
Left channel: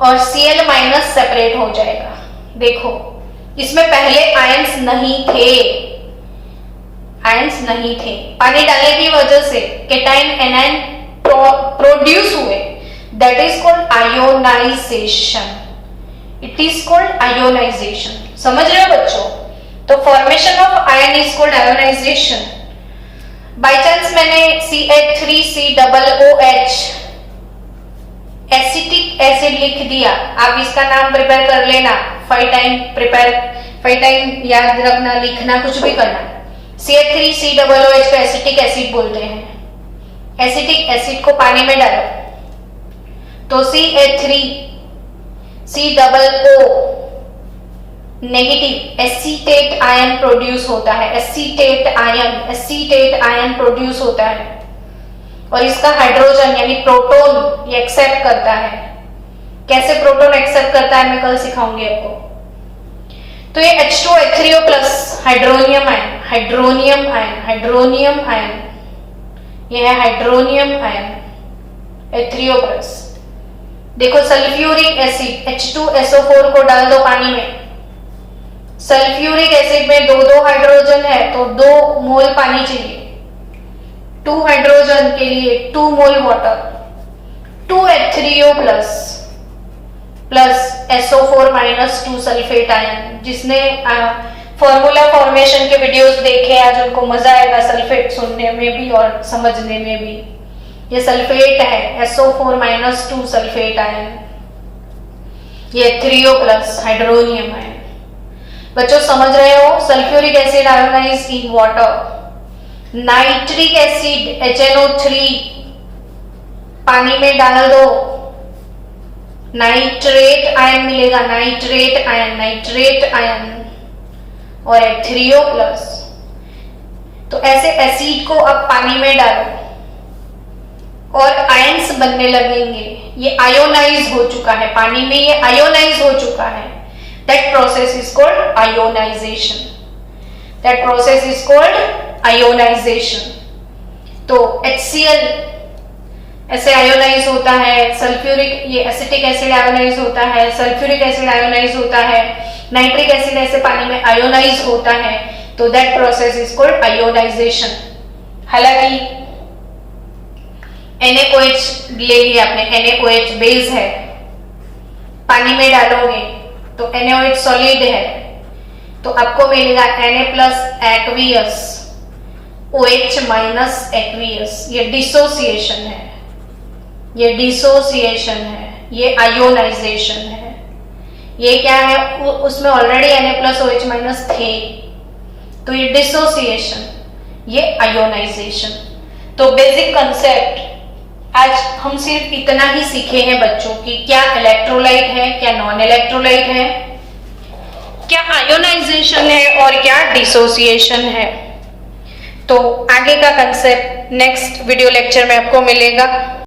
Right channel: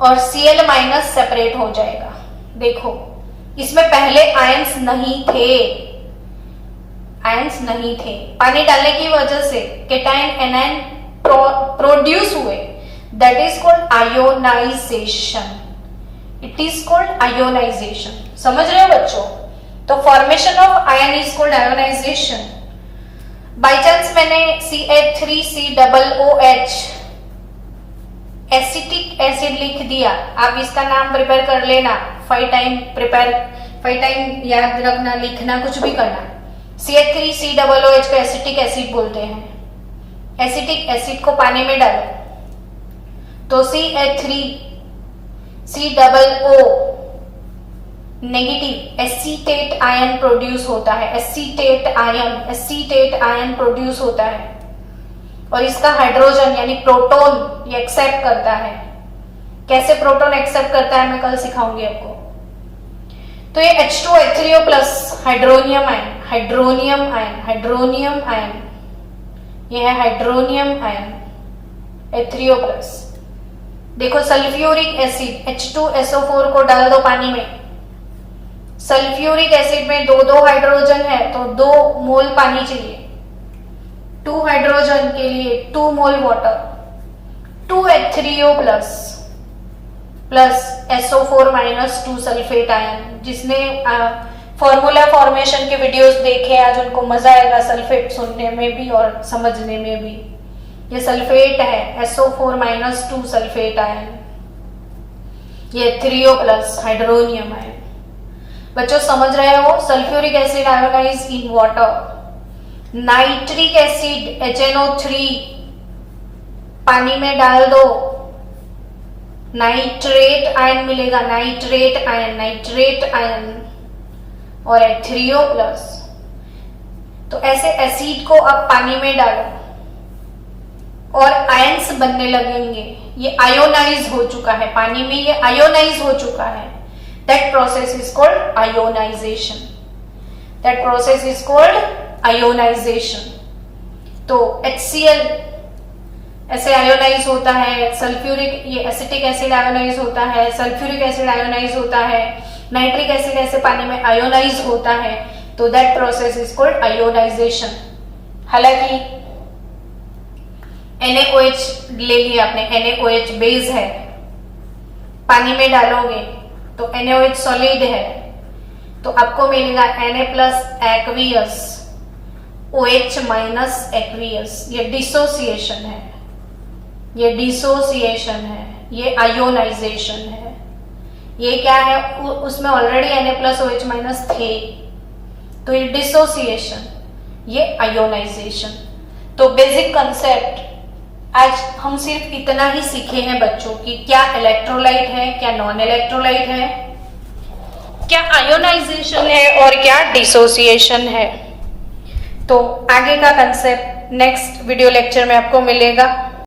और Cl- सेपरेट हो जाएगा। देखो इसमें पहले आयंस नहीं थे, आयंस नहीं थे, पानी डालने की वजह से केटायन एनायन प्रोड्यूस हुए, that is called ionisation, it is called ionisation. समझ रहे हो बच्चों? तो formation of ion is called ionisation. By chance मैंने CH3COOH एसिटिक एसिड लिख दिया, आप इसका नाम प्रिपेयर कर लेना, 5 टाइम याद रखना, लिखना, कुछ भी करना। CH3COOH को एसिटिक एसिड बोलते हैं। एसिटिक एसिड को पानी में डालो तो CH3COO negative acetate ion produce होता है, एसीटेट आयन प्रोड्यूस होता है और इसका हाइड्रोजन यानी प्रोटॉन ये एक्सेप्ट करता है। कैसे प्रोटॉन एक्सेप्ट करता है मैं कल सिखाऊंगी आपको। तो ये H2 H3O+ हाइड्रोनियम आयन, ये है हाइड्रोनियम आयन H3O+। देखो सल्फ्यूरिक एसिड H2SO4 को डाल दो पानी में, सल्फ्यूरिक एसिड में 2 हाइड्रोजन है तो 2 मोल पानी चाहिए, 2 हाइड्रोजन के लिए 2 मोल water, 2 H3O+ plus SO4- 2 sulphate ion. जिसने फॉर्मूला फॉर्मेशन के वीडियोस देखे आज उनको मजा आएगा सल्फेट सुनने में भी और समझने में भी। ये सल्फेट है SO4- 2 सल्फेट आयन, ये H3O+ हाइड्रोनियम आयन। बच्चों समझ रहे हो? Sulphuric acid ionize in water, nitric acid HNO3 पानी में डाल दो, नाइट्रेट आयन मिलेगा, नाइट्रेट आयन और H3O+। तो ऐसे एसिड को अब पानी में डालो और आयंस बनने लगेंगे। ये आयोनाइज हो चुका है, पानी में ये आयोनाइज हो चुका है। That process is called ionisation. तो HCl ऐसे आयोनाइज होता है, सल्फ्यूरिक ये एसिटिक एसिड आयोनाइज होता है, सल्फ्यूरिक एसिड आयोनाइज होता है, नाइट्रिक एसिड ऐसे पानी में आयोनाइज होता है। तो that process is called ionisation. हालांकि NaOH ले लिया आपने, NaOH बेस है, पानी में डालोगे तो NaOH सॉलिड है तो आपको मिलेगा Na+ एक्वियस OH- एक्वियस। ये डिसोसिएशन है, ये आयोनाइजेशन है। ये क्या है? उसमें ऑलरेडी Na+ OH- थे तो ये डिसोसिएशन, ये आयोनाइजेशन। तो बेसिक कंसेप्ट आज हम सिर्फ इतना ही सीखे हैं बच्चों की क्या इलेक्ट्रोलाइट है, क्या नॉन इलेक्ट्रोलाइट है, क्या आयोनाइजेशन है और क्या डिसोसिएशन है। तो आगे का कंसेप्ट नेक्स्ट वीडियो लेक्चर में आपको मिलेगा।